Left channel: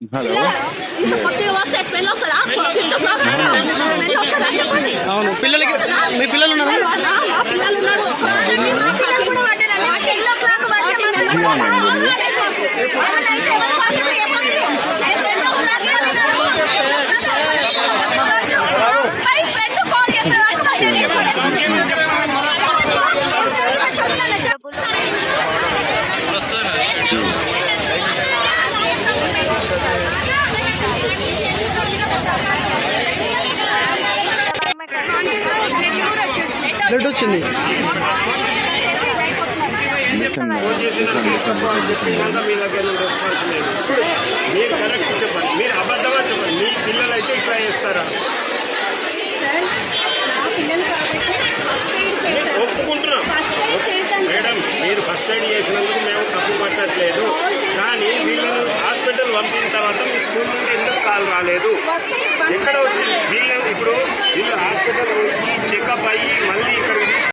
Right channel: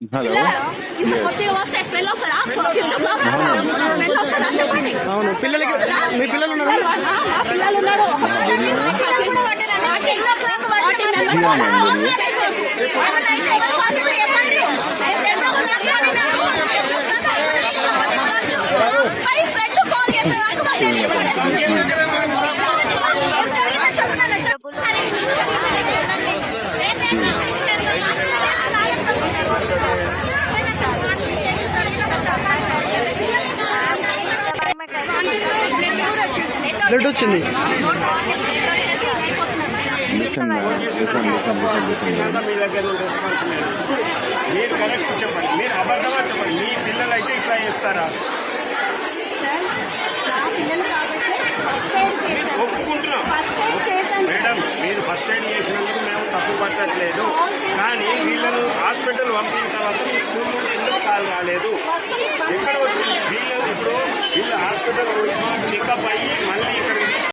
Hello అవును పిల్లలకి మీ పిల్లలు ఉన్నారు బ్లడ్ వచ్చింది మీరు కరెక్ట్ చెప్పండి, మీరు అబద్ధంగా చెప్పండి. మీ పిల్లలు అయితే ఇట్లా చేస్తారా? ఒప్పుకుంటున్నాం మేడం, మీరు ఫస్ట్ ఎయిడ్ చేసినందుకు మేము తప్పు పట్టట్లేదు. కానీ పిల్లలు హాస్పిటల్ పంపిన తర్వాత మీ స్కూల్ నుండి ఎందుకు కాల్ రాలేదు? ఎక్కడ వచ్చింది? వీళ్ళు హాస్పిటల్ పోయి చెకప్ అయ్యి మళ్ళీ